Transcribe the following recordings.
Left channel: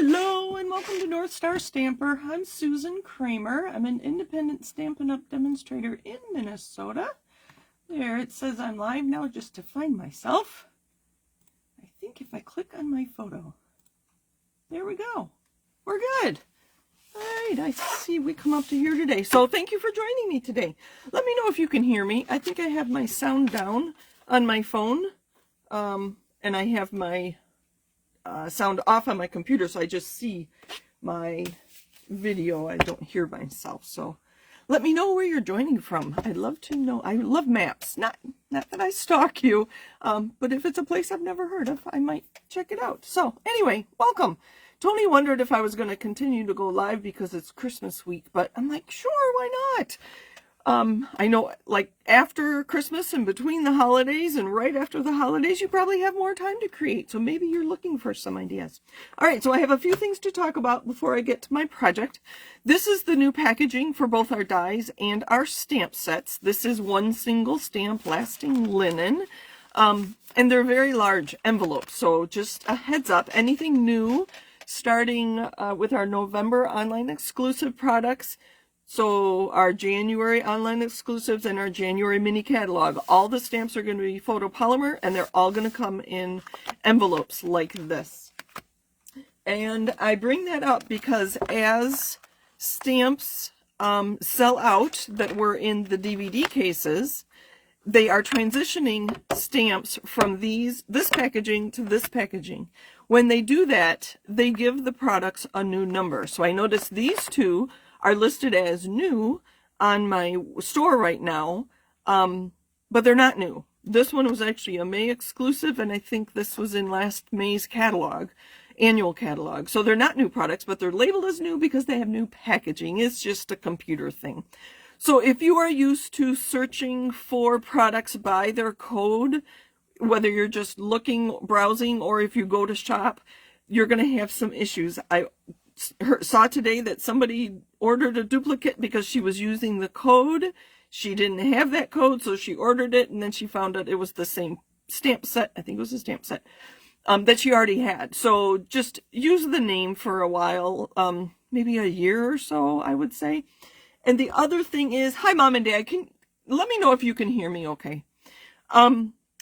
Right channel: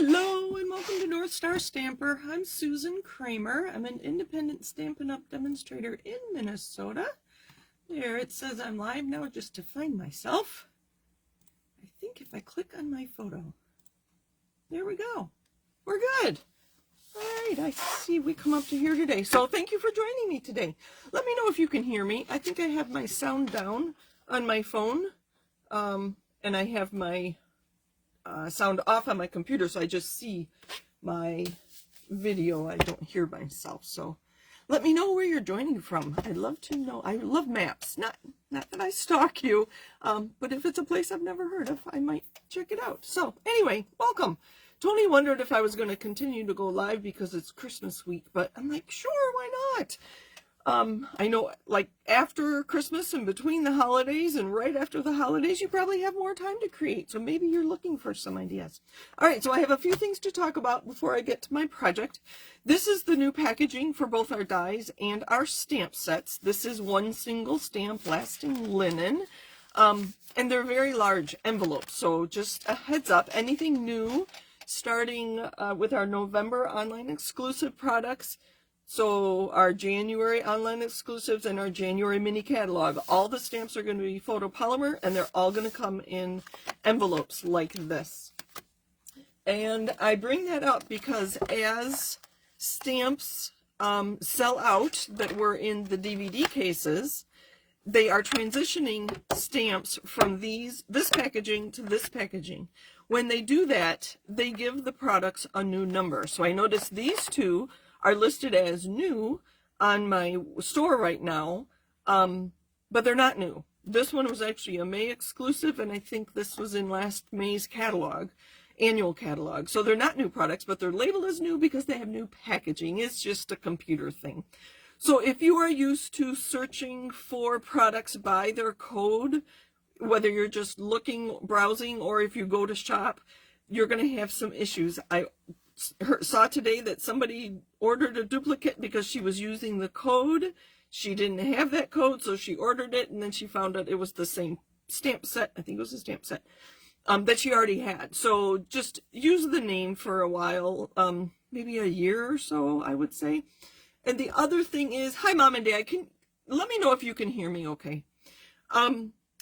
Hello and welcome to North Star Stamper. I'm Susan Kramer. I'm an independent Stampin' Up! Demonstrator in Minnesota. There it says I'm live now just to find myself. I think if I click on my photo, there we go. We're good. All right, I see we come up to here today. So thank you for joining me today. Let me know if you can hear me. I think I have my sound down on my phone and I have my sound off on my computer, so I just see my video. I don't hear myself. So let me know where you're joining from. I'd love to know. I love maps. Not that I stalk you, but if it's a place I've never heard of, I might check it out. So anyway, welcome. Tony wondered if I was going to continue to go live because it's Christmas week, but I'm like, sure, why not? I know, like, after Christmas and between the holidays and right after the holidays, you probably have more time to create. So maybe you're looking for some ideas. All right, so I have a few things to talk about before I get to my project. This is the new packaging for both our dies and our stamp sets. This is one single stamp lasting linen. And they're very large envelopes. So just a heads up, anything new starting with our November online exclusive products. So our January online exclusives and our January mini catalog, all the stamps are going to be photopolymer and they're all going to come in envelopes like this. And I bring that up because as stamps sell out that were in the DVD cases, they are transitioning stamps from this packaging to this packaging. When they do that, they give the products a new number. So I noticed these two are listed as new on my store right now, but they're not new. This one was actually a May exclusive, and I think this was in last May's catalog, annual catalog. So they're not new products, but they're labeled as new because they have new packaging. It's just a computer thing. So if you are used to searching for products by their code, whether you're just looking, browsing, or if you go to shop, you're going to have some issues. I saw today that somebody ordered a duplicate because she was using the code. She didn't have that code, so she ordered it, and then she found out it was the same stamp set. I think it was a stamp set that she already had. So just use the name for a while, maybe a year or so, I would say. And the other thing is, hi, Mom and Dad. Let me know if you can hear me okay.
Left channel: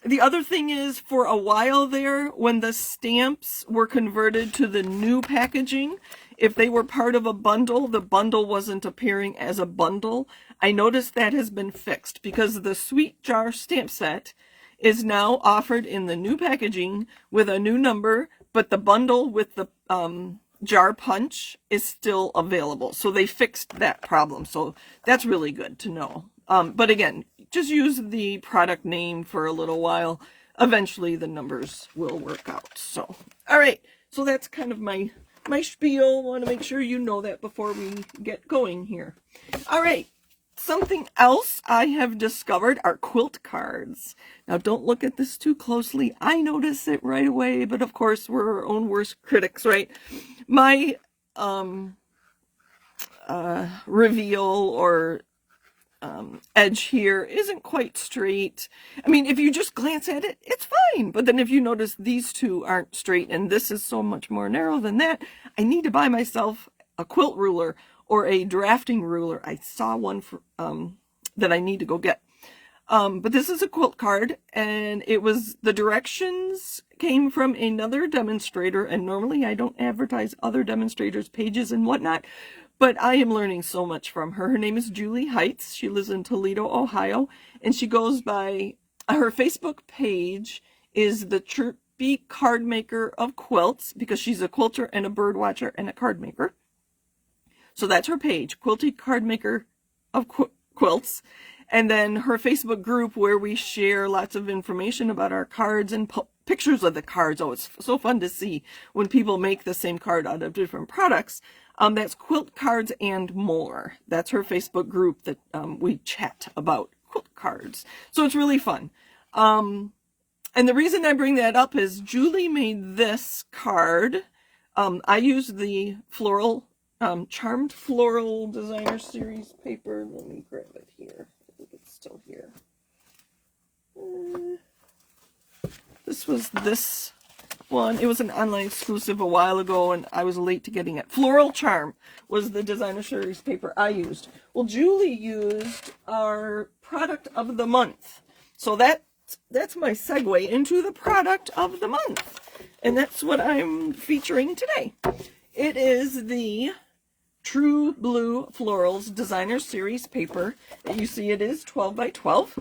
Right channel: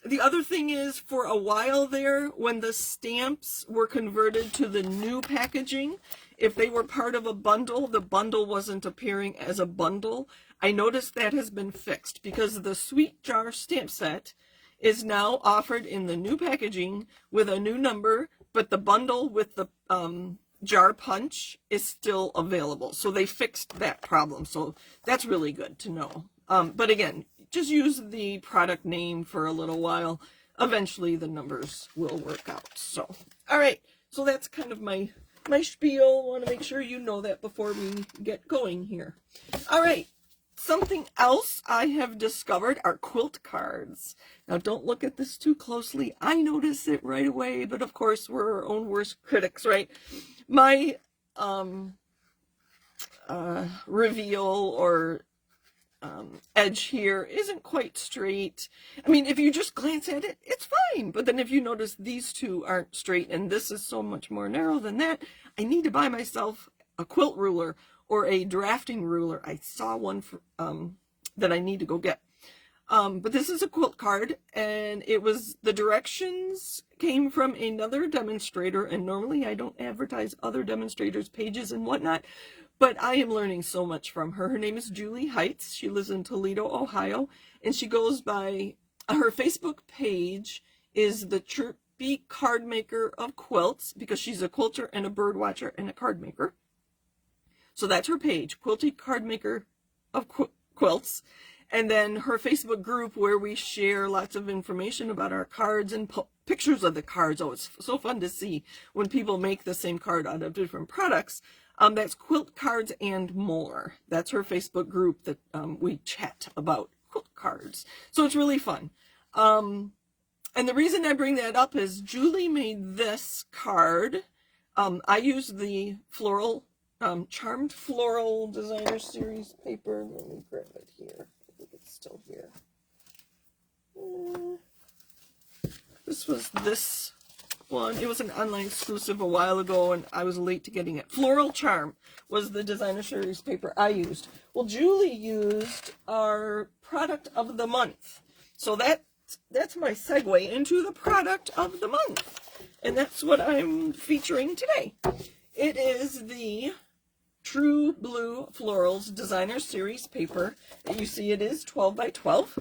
The other thing is, for a while there, when the stamps were converted to the new packaging, if they were part of a bundle, the bundle wasn't appearing as a bundle. I noticed that has been fixed because the Sweet Jar stamp set is now offered in the new packaging with a new number, but the bundle with the jar punch is still available. So they fixed that problem. So that's really good to know. But again, just use the product name for a little while. Eventually the numbers will work out. So, all right. So that's kind of my spiel. I want to make sure you know that before we get going here. All right. Something else I have discovered are quilt cards. Now, don't look at this too closely. I notice it right away, but of course, we're our own worst critics, right? My reveal or edge here isn't quite straight. I mean, if you just glance at it, it's fine. But then if you notice these two aren't straight and this is so much more narrow than that, I need to buy myself a quilt ruler or a drafting ruler. I saw one for, that I need to go get. But this is a quilt card, and it was, the directions came from another demonstrator, and normally I don't advertise other demonstrators' pages and whatnot, but I am learning so much from her. Her name is Julie Heights. She lives in Toledo, Ohio, and she goes by, her Facebook page is the Chirpy Card Maker of Quilts, because she's a quilter and a bird watcher and a card maker. So that's her page, Quilty Card Maker of Quilts. And then her Facebook group where we share lots of information about our cards and pictures of the cards. Oh, it's so fun to see when people make the same card out of different products. That's Quilt Cards and More. That's her Facebook group that we chat about quilt cards. So it's really fun. And the reason I bring that up is Julie made this card. I used the Floral, Charmed Floral Designer Series paper. Let me grab it here. I think it's still here. This was this one. It was an online exclusive a while ago, and I was late to getting it. Floral Charm was the designer series paper I used. Well, Julie used our product of the month. So that's my segue into the product of the month. And that's what I'm featuring today. It is the True Blue Florals Designer Series paper. You see it is 12 by 12.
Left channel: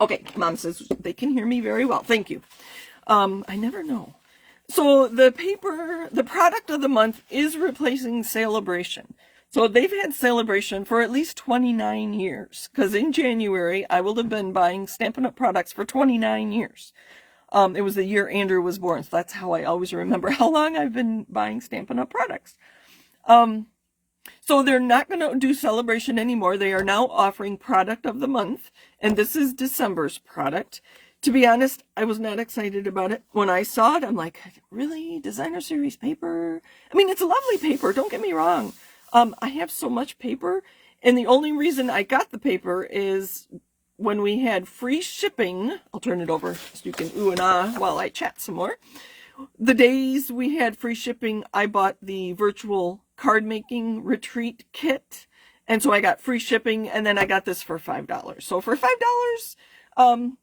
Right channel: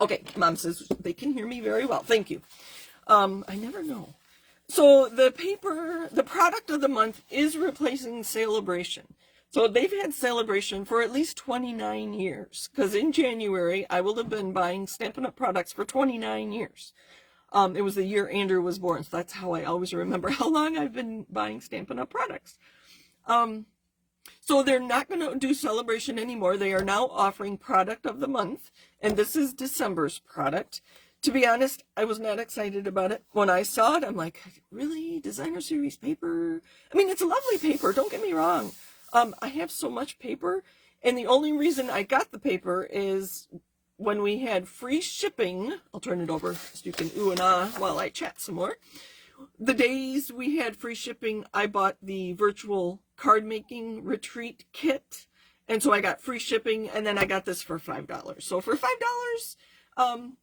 Okay, Mom says they can hear me very well. Thank you. I never know. So the paper, the product of the month is replacing Sale-a-bration. So they've had Sale-a-bration for at least 29 years. Because in January, I will have been buying Stampin' Up! Products for 29 years. It was the year Andrew was born. So that's how I always remember how long I've been buying Stampin' Up! Products. So they're not going to do Sale-a-bration anymore. They are now offering product of the month. And this is December's product. To be honest, I was not excited about it. When I saw it, I'm like, really? Designer series paper? I mean, it's a lovely paper. Don't get me wrong. I have so much paper. And the only reason I got the paper is when we had free shipping. I'll turn it over so you can ooh and ah while I chat some more. The days we had free shipping, I bought the virtual card making retreat kit. And so I got free shipping, and then I got this for $5. So for $5,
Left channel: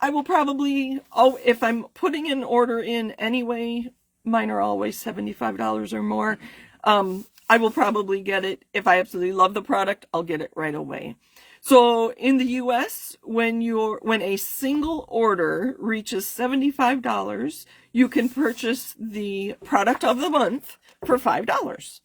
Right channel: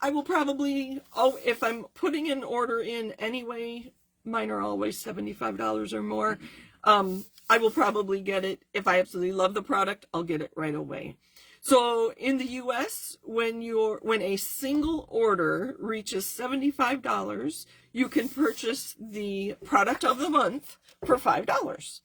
I will probably, if I'm putting an order in anyway, mine are always $75 or more. I will probably get it. If I absolutely love the product, I'll get it right away. So in the US, when a single order reaches $75, you can purchase the product of the month for $5.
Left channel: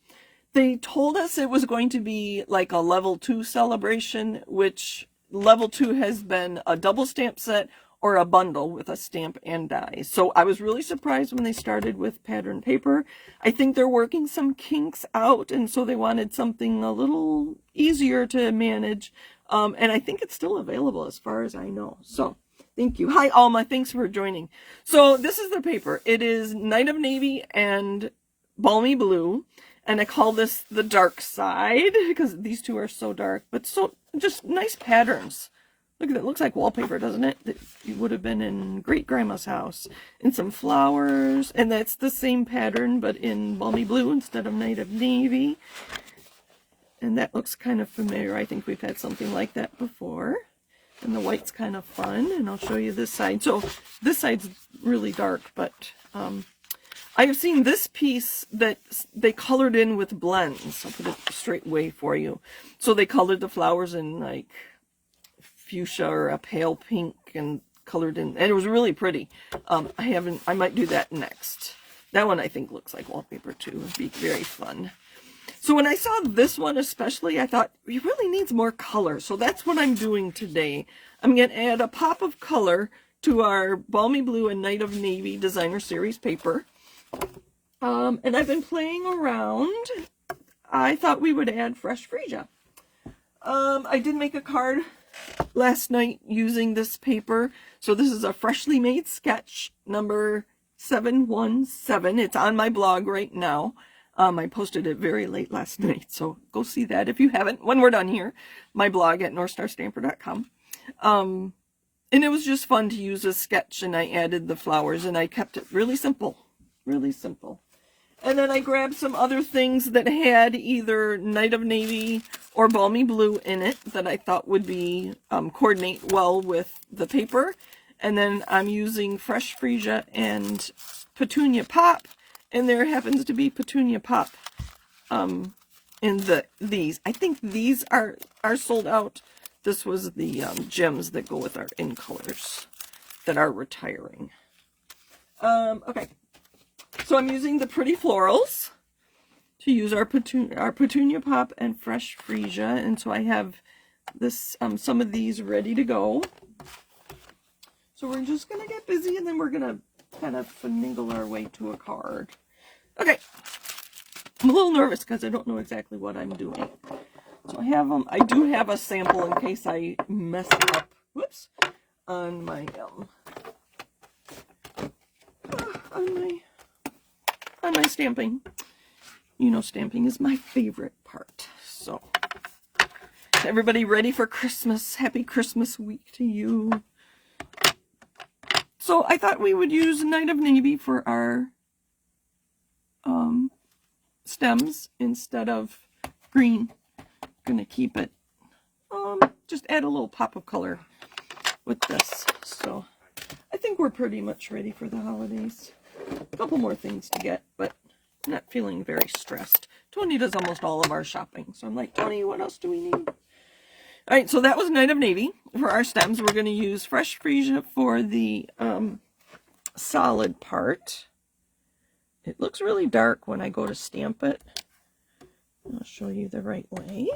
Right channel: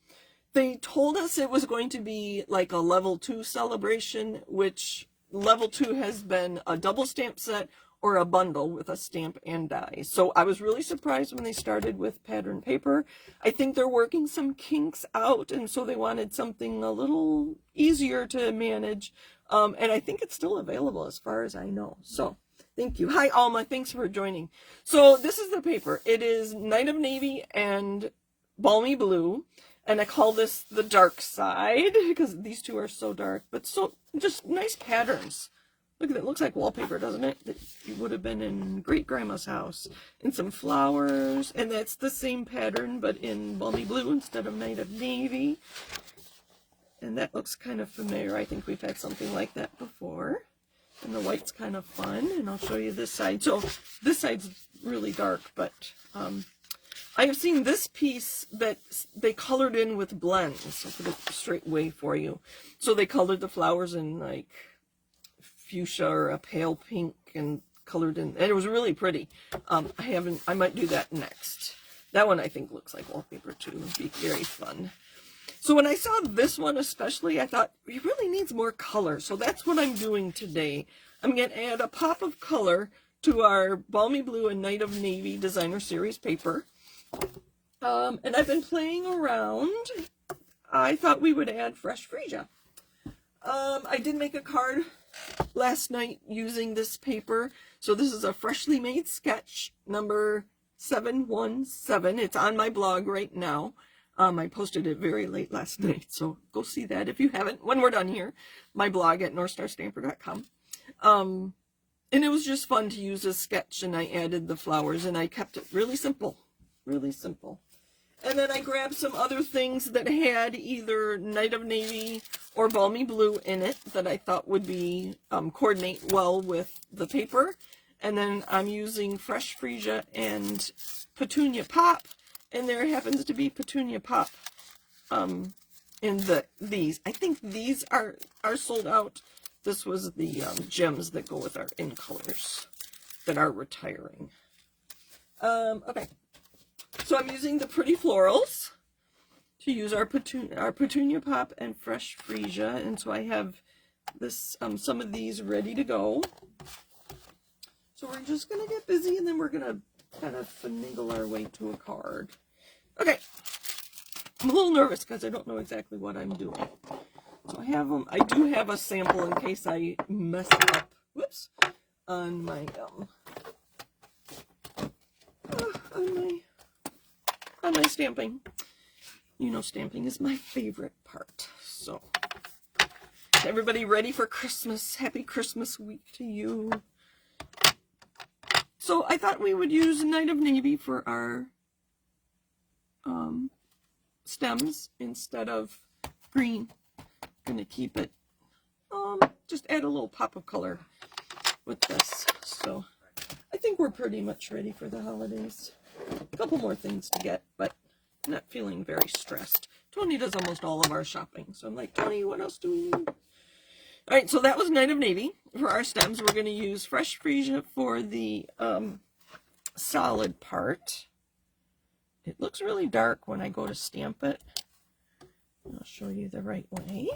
They told us it was going to be like a level 2 celebration, which level 2 has been a double stamp set or a bundle with a stamp and die. So I was really surprised when they started with pattern paper. I think they're working some kinks out, and so they wanted something a little easier to manage. And I think it's still available as far as I know. So thank you. Hi, Alma. Thanks for joining. So this is the paper. It is Night of Navy and Balmy Blue. And I call this the dark side because these two are so dark, but so just nice patterns. Look at it. It looks like wallpaper, doesn't it? That you would have been in great grandma's house. And some flowers. And that's the same pattern, but in Balmy Blue instead of Night of Navy. And that looks kind of familiar. I think we've had something like that before. And the white's kind of fun. And I'll show you this side. So this side's really dark, but I've seen this piece that they colored in with blends. I'll put it straight away for you. So they colored the flowers in like fuchsia or a pale pink and colored in, and it was really pretty. I might do that next. That one I think looks like wallpaper too. It'd be very fun. So when I saw this one especially, I thought it really needs more color. So that's what I'm doing today. I'm going to add a pop of color to our Balmy Blue and Night of Navy Designer Series paper. And I've been playing around. I thought we would add fresh freesia. I did make a card last night using this paper. So this is a freshly made sketch number 717. It's on my blog right now. I posted it very late last night, so go see that if you haven't. When we're done here, my blog at northstarstamper.com. And it was just fun to use a sketch, and I added the flowers, and I kept it really simple. Really simple. And then I grabbed some other things that had either Night of Navy or Balmy Blue in it that I thought would be coordinate well with the paper. And then I'm using Fresh Freesia and Petunia Pop. And there happens to be Petunia Pop in these. I think these are sold out. This was the gems that go with our in colors that are retiring. Okay. So I'm using the Pretty Florals to use our Petunia Pop and Fresh Freesia. And so I have this some of these ready to go. So we're just going to get busy, and then we're going to kind of finagle our way to a card. Okay. I'm a little nervous because I don't know exactly what I'm doing. So I have them. I do have a sample in case I mess up. Whoops. On my on my stamping. You know, stamping is my favorite part. So, everybody ready for Christmas? Happy Christmas week to you. So I thought we would use Night of Navy for our stems instead of green. I'm going to keep it, just add a little pop of color with this. So I think we're pretty much ready for the holidays. A couple more things to get, but I'm not feeling very stressed. Tony does almost all of our shopping. So I'm like, Tony, what else do we need? All right, so that was Night of Navy for our stems. We're going to use fresh freesia for the solid part. It looks really dark when I go to stamp it. I'll show you the right way.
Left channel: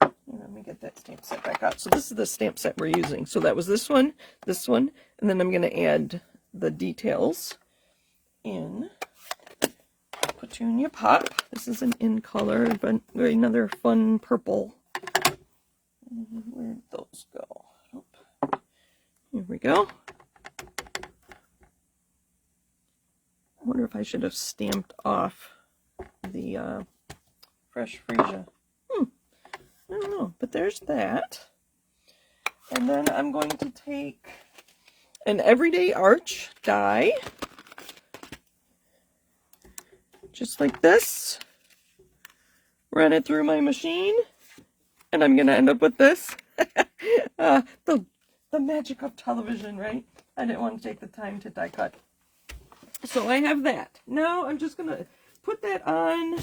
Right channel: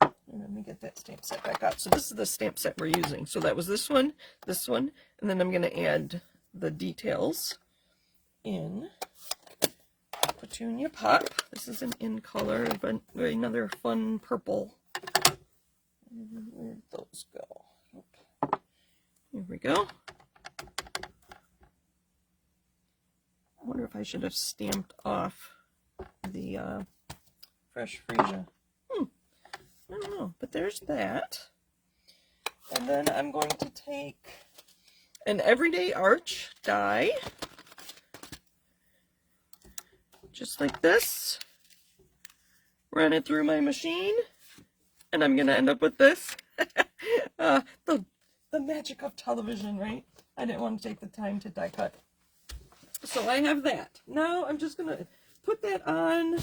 And let me get that stamp set back out. So this is the stamp set we're using. So that was this one, and then I'm going to add the details in Petunia Pop. This is an in color, but another fun purple. Where'd those go? Oh. Here we go. I wonder if I should have stamped off the fresh freesia. I don't know, but there's that. And then I'm going to take an Everyday Arch die, just like this, run it through my machine, and I'm going to end up with this. The magic of television, right? I didn't want to take the time to die cut. So I have that. Now I'm just going to put that on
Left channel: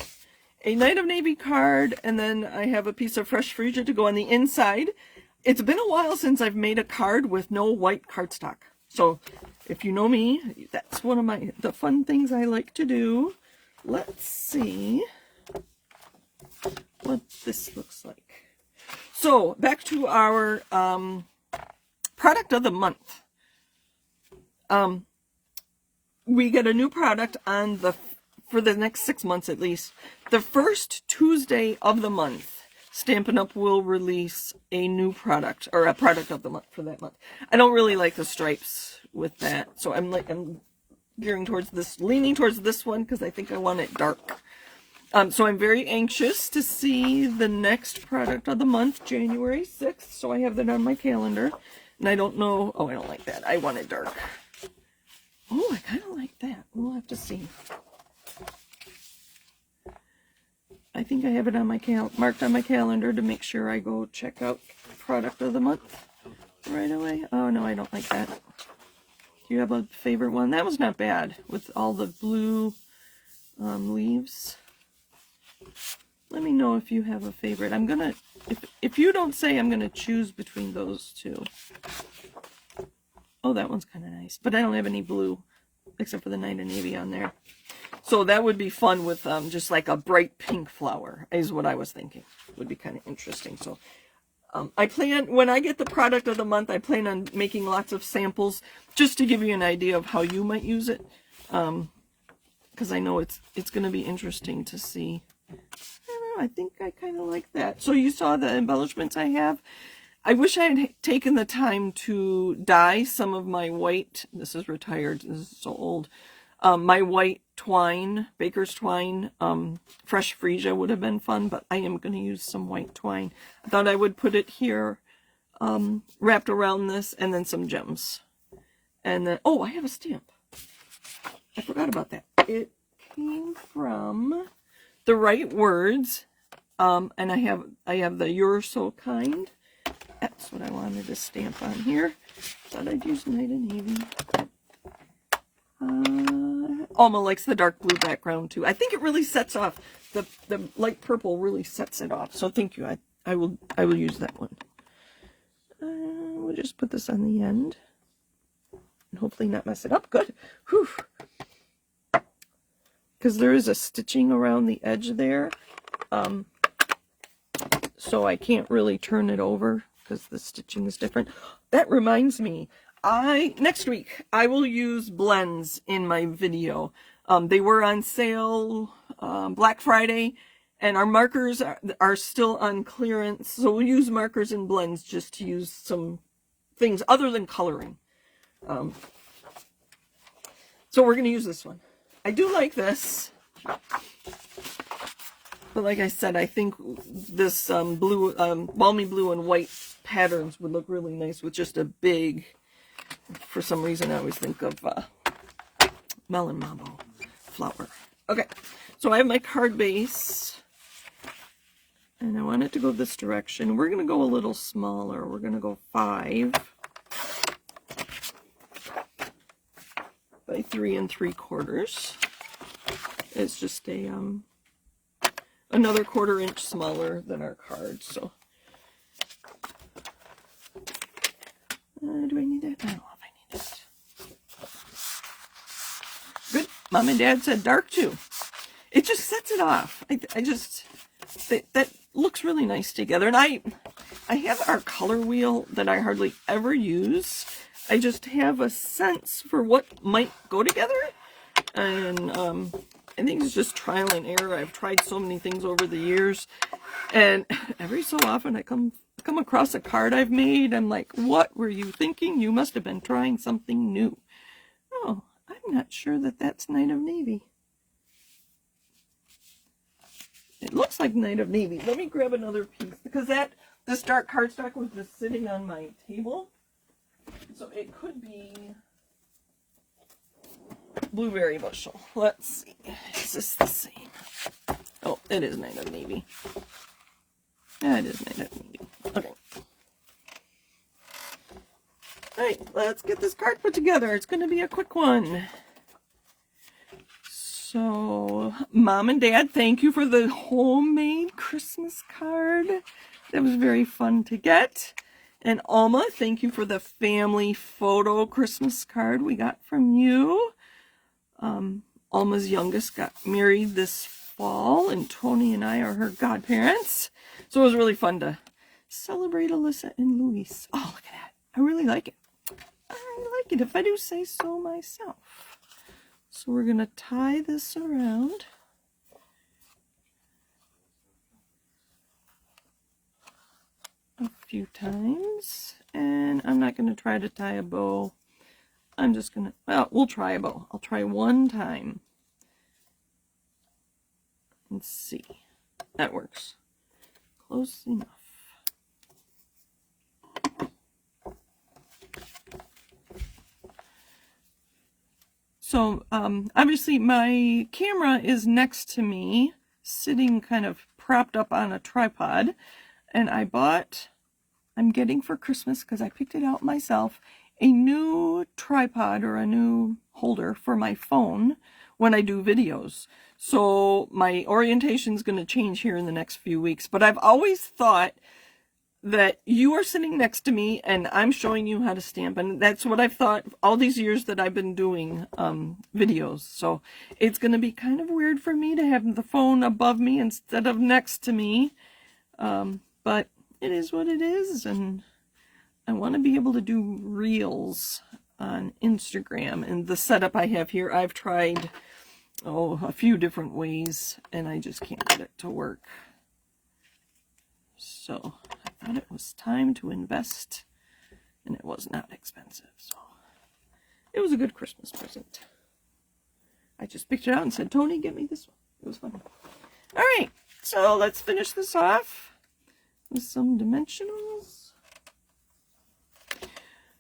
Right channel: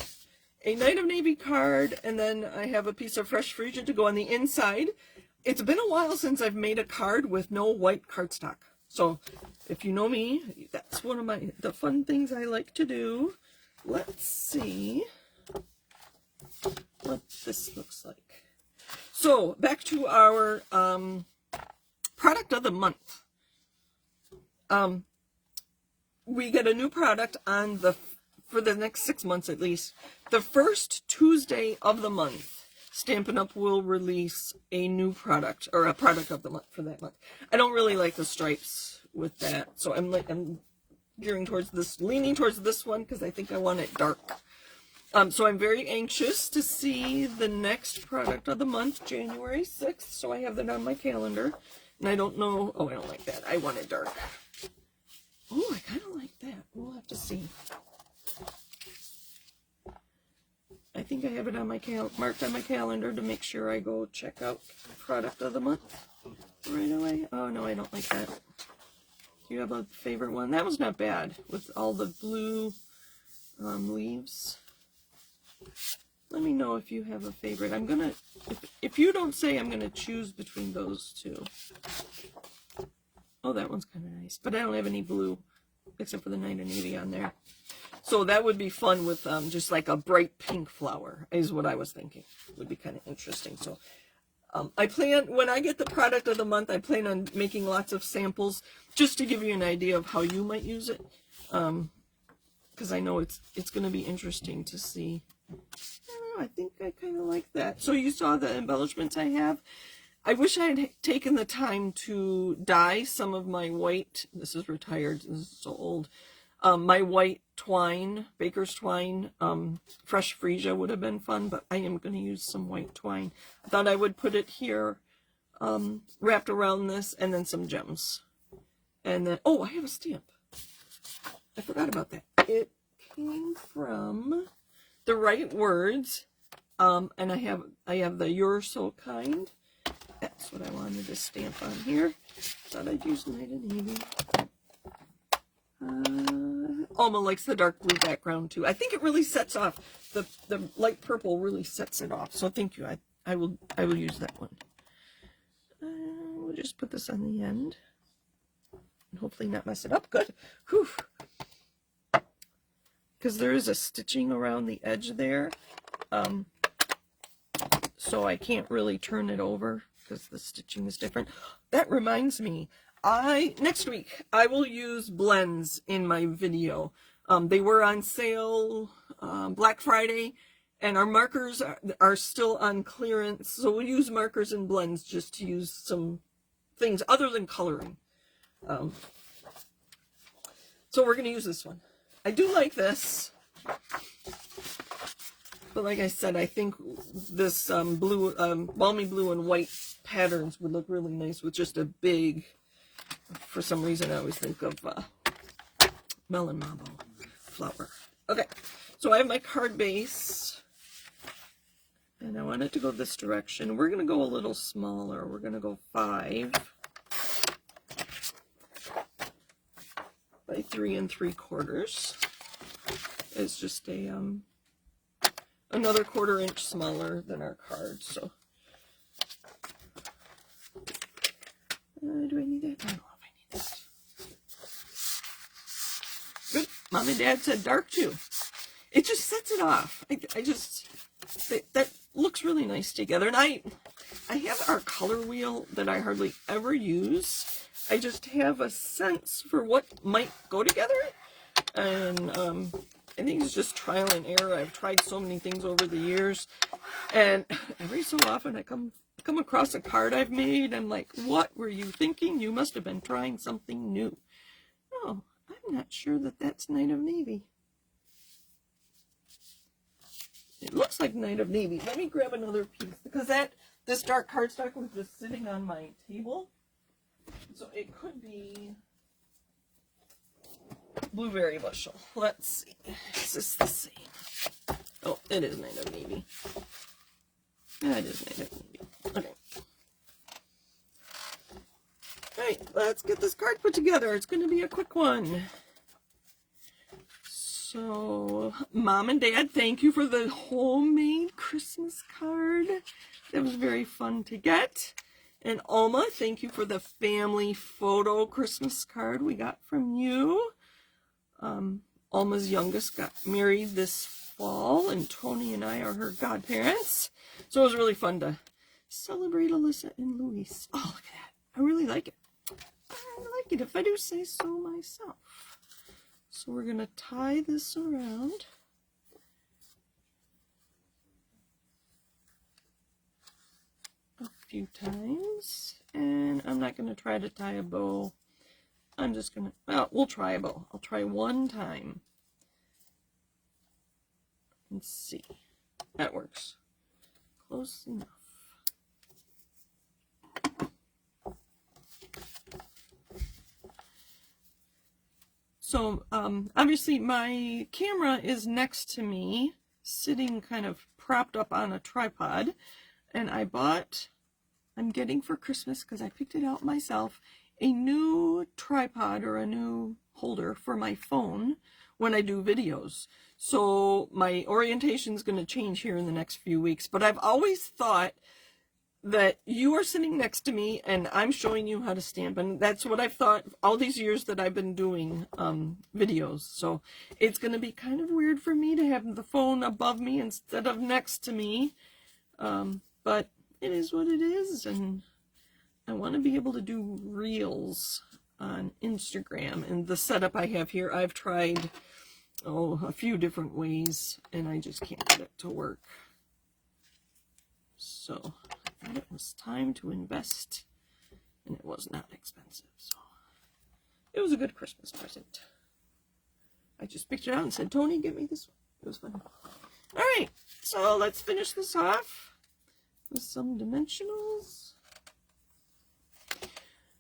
a Night of Navy card, and then I have a piece of fresh freesia to go on the inside. It's been a while since I've made a card with no white cardstock. So if you know me, that's one of the fun things I like to do. Let's see what this looks like. So back to our product of the month. We get a new product on for the next 6 months at least. The first Tuesday of the month, Stampin' Up! Will release a new product, or a product of the month for that month. I don't really like the stripes with that, so I'm gearing towards this, leaning towards this one because I think I want it dark. So I'm very anxious to see the next product of the month, January 6th. So I have that on my calendar, and I don't know. Oh, I don't like that. I want it dark. Oh, I kind of like that. We'll have to see. I think I have it on my marked on my calendar to make sure I go check out product of the month right away. Oh no, I don't like that. Do you have a favorite one? That was not bad with all the blue leaves. Let me know if you have a favorite. I'm gonna, if you don't say, I'm gonna choose between those two. Oh, that one's kind of nice, but I don't have any blue except for the Night of Navy on there. So that would be fun with just like a bright pink flower is what I was thinking. Would be kind of interesting. So I plan, when I get the product of the month, I plan on making lots of samples just to give you an idea of how you might use it. Because I know it's going to be interesting to see. I don't know, I think I kind of like that. So you saw the embellishments I have. I wish I had taken the time to dye some of my white, this is retired, this is so old, my white twine, baker's twine, fresh freesia would have been fun, but I am going to use some white twine. I thought I would put it here, wrapped around this, and then some gems. And then, oh, I have a stamp. I forgot about that. It came from The Right Words, and I have the You're So Kind. That's what I wanted to stamp on here. Thought I'd use Night of Navy. Alma likes the dark blue background too. I think it really sets off the light purple. Really sets it off. So thank you. I will use that one. We'll just put this on the end and hopefully not mess it up. Good. Whew. Because there is a stitching around the edge there, so I can't really turn it over because the stitching is different. That reminds me, next week I will use blends in my video. They were on sale Black Friday, and our markers are still on clearance, so we'll use markers and blends just to use some things other than coloring. So we're going to use this one. I do like this, but like I said, I think this blue, balmy blue and white patterns would look really nice with just a big For some reason, I always think of melon mambo flower. Okay, so I have my card base, and I want it to go this direction. We're going to go a little smaller. We're going to go 5 by 3 3/4. It's just a another 1/4 inch smaller than our card. So, do I need it? I don't know if I need it. Good. Mom and Dad said dark too. It just sets it off. I just, that looks really nice together. And I have our color wheel that I hardly ever use. I just have a sense for what might go together. And I think it's just trial and error. I've tried so many things over the years. And every so often I come across a card I've made. I'm like, what were you thinking? You must have been trying something new. Oh, I'm not sure that that's Night of Navy. It looks like Night of Navy. Let me grab another piece because this dark cardstock was just sitting on my table. So it could be Blueberry Bushel. Let's see. Is this the same? Oh, it is Night of Navy. Yeah, it is Night of Navy. Okay. Alright, let's get this card put together. It's going to be a quick one. So, Mom and Dad, thank you for the homemade Christmas card. That was very fun to get. And Alma, thank you for the family photo Christmas card we got from you. Alma's youngest got married this fall, and Tony and I are her godparents. So it was really fun to celebrate Alyssa and Luis. Oh, look at that. I really like it. I like it, if I do say so myself. So we're going to tie this around. A few times. And I'm not going to try to tie a bow. I'm just going to, well, we'll try a bow. I'll try one time. Let's see. That works. Close enough. So, obviously my camera is next to me, sitting kind of propped up on a tripod, and I'm getting for Christmas, because I picked it out myself, a new tripod or a new holder for my phone when I do videos. So my orientation is going to change here in the next few weeks, but I've always thought that you are sitting next to me and I'm showing you how to stamp, and that's what I've thought all these years that I've been doing videos. So it's going to be kind of weird for me to have the phone above me instead of next to me, but it is what it is, and I want to be able to do reels on Instagram. And the setup I have here, I've tried a few different ways and I just can't get it to work. So I thought it was time to invest, and it was not expensive, so it was a good Christmas present. I just picked it out and said, Tony, get me this one. It was fun. All right, so let's finish this off with some dimensionals.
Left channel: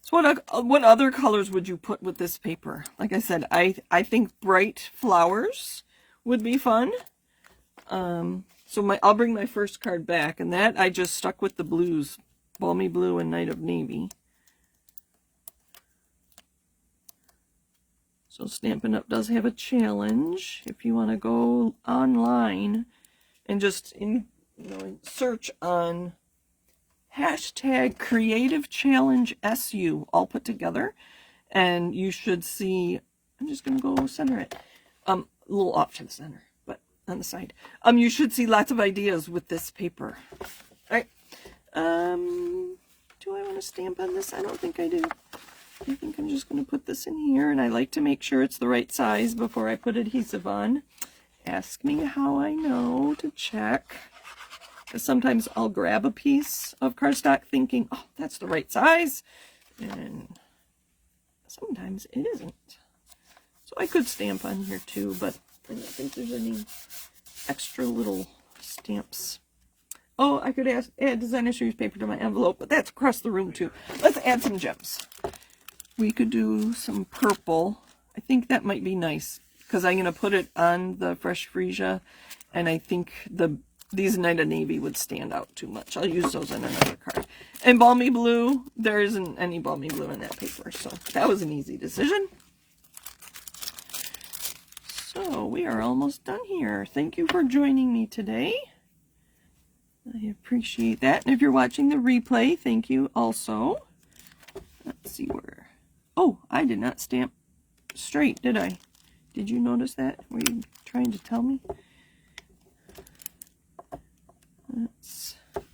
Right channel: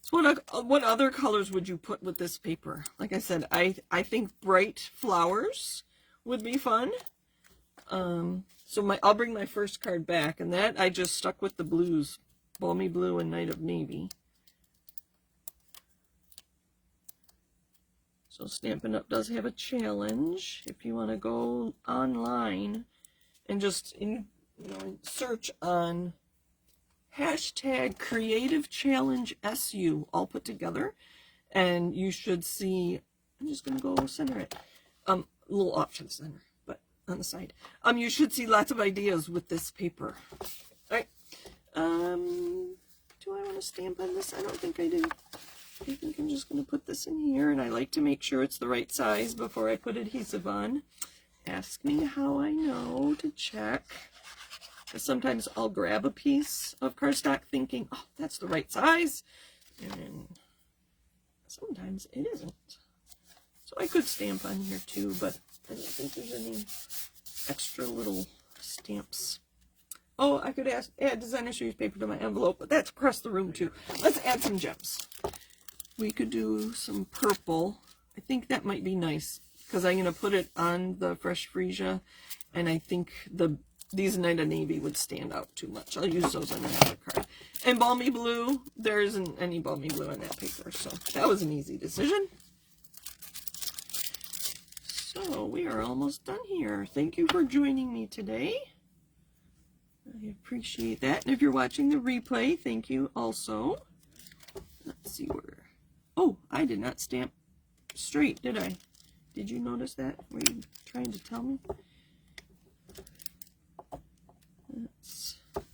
So what other colors would you put with this paper? Like I said, I think bright flowers would be fun. So I'll bring my first card back, and that I just stuck with the blues, Balmy Blue and Night of Navy. So Stampin' Up! Does have a challenge. If you want to go online and just search on hashtag Creative Challenge SU, all put together, and you should see, I'm just going to go center it, a little off to the center, but on the side. You should see lots of ideas with this paper. All right. Do I want to stamp on this? I don't think I do. I think I'm just going to put this in here, and I like to make sure it's the right size before I put adhesive on. Ask me how I know to check. Sometimes I'll grab a piece of cardstock thinking, oh, that's the right size, and sometimes it isn't. So I could stamp on here too, but I don't think there's any extra little stamps. Oh, I could add designer series paper to my envelope, but that's across the room too. Let's add some gems. we could do some purple. I think that might be nice because I'm going to put it on the fresh freesia, and I think these Night of Navy would stand out too much. I'll use those in another card. And Balmy Blue, there isn't any Balmy Blue in that paper, so that was an easy decision. So we are almost done here. Thank you for joining me today. I appreciate that. And if you're watching the replay, thank you also. Let's see where. Oh, I did not stamp straight, did I? Did you notice that? Were you trying to tell me?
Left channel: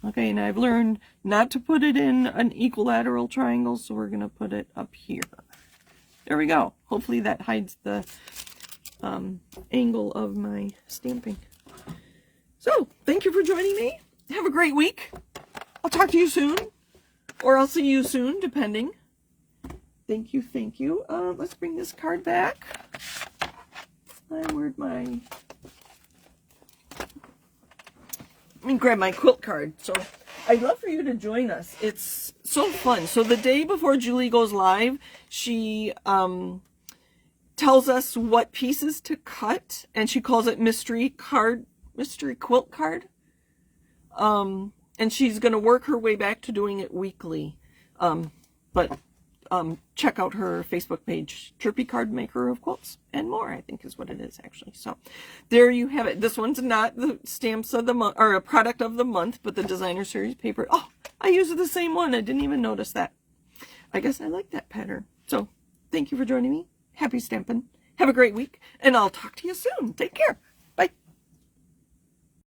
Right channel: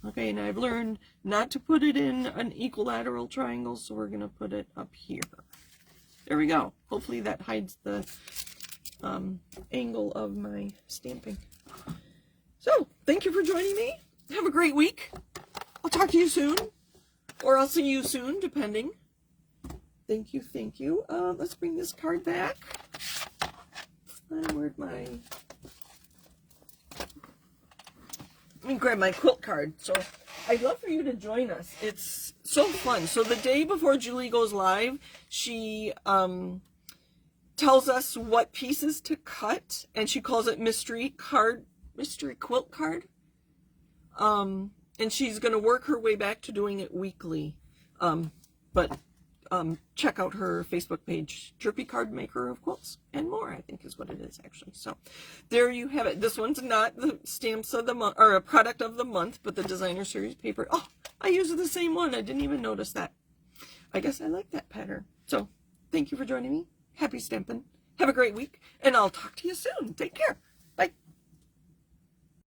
Okay, and I've learned not to put it in an equilateral triangle, so we're going to put it up here. There we go. Hopefully that hides the angle of my stamping. So, thank you for joining me. Have a great week. I'll talk to you soon, or I'll see you soon, depending. Thank you, thank you. Let's bring this card back. Where'd my... Let me grab my quilt card. So I'd love for you to join us. It's so fun. So the day before Julie goes live, she tells us what pieces to cut, and she calls it mystery quilt card. And she's going to work her way back to doing it weekly. But check out her Facebook page, Chirpy Card Maker of Quilts and More, I think is what it is actually. So there you have it. This one's not the stamps of the month or a product of the month, but the designer series paper. Oh, I used the same one. I didn't even notice that. I guess I like that pattern. So thank you for joining me. Happy stamping. Have a great week, and I'll talk to you soon. Take care.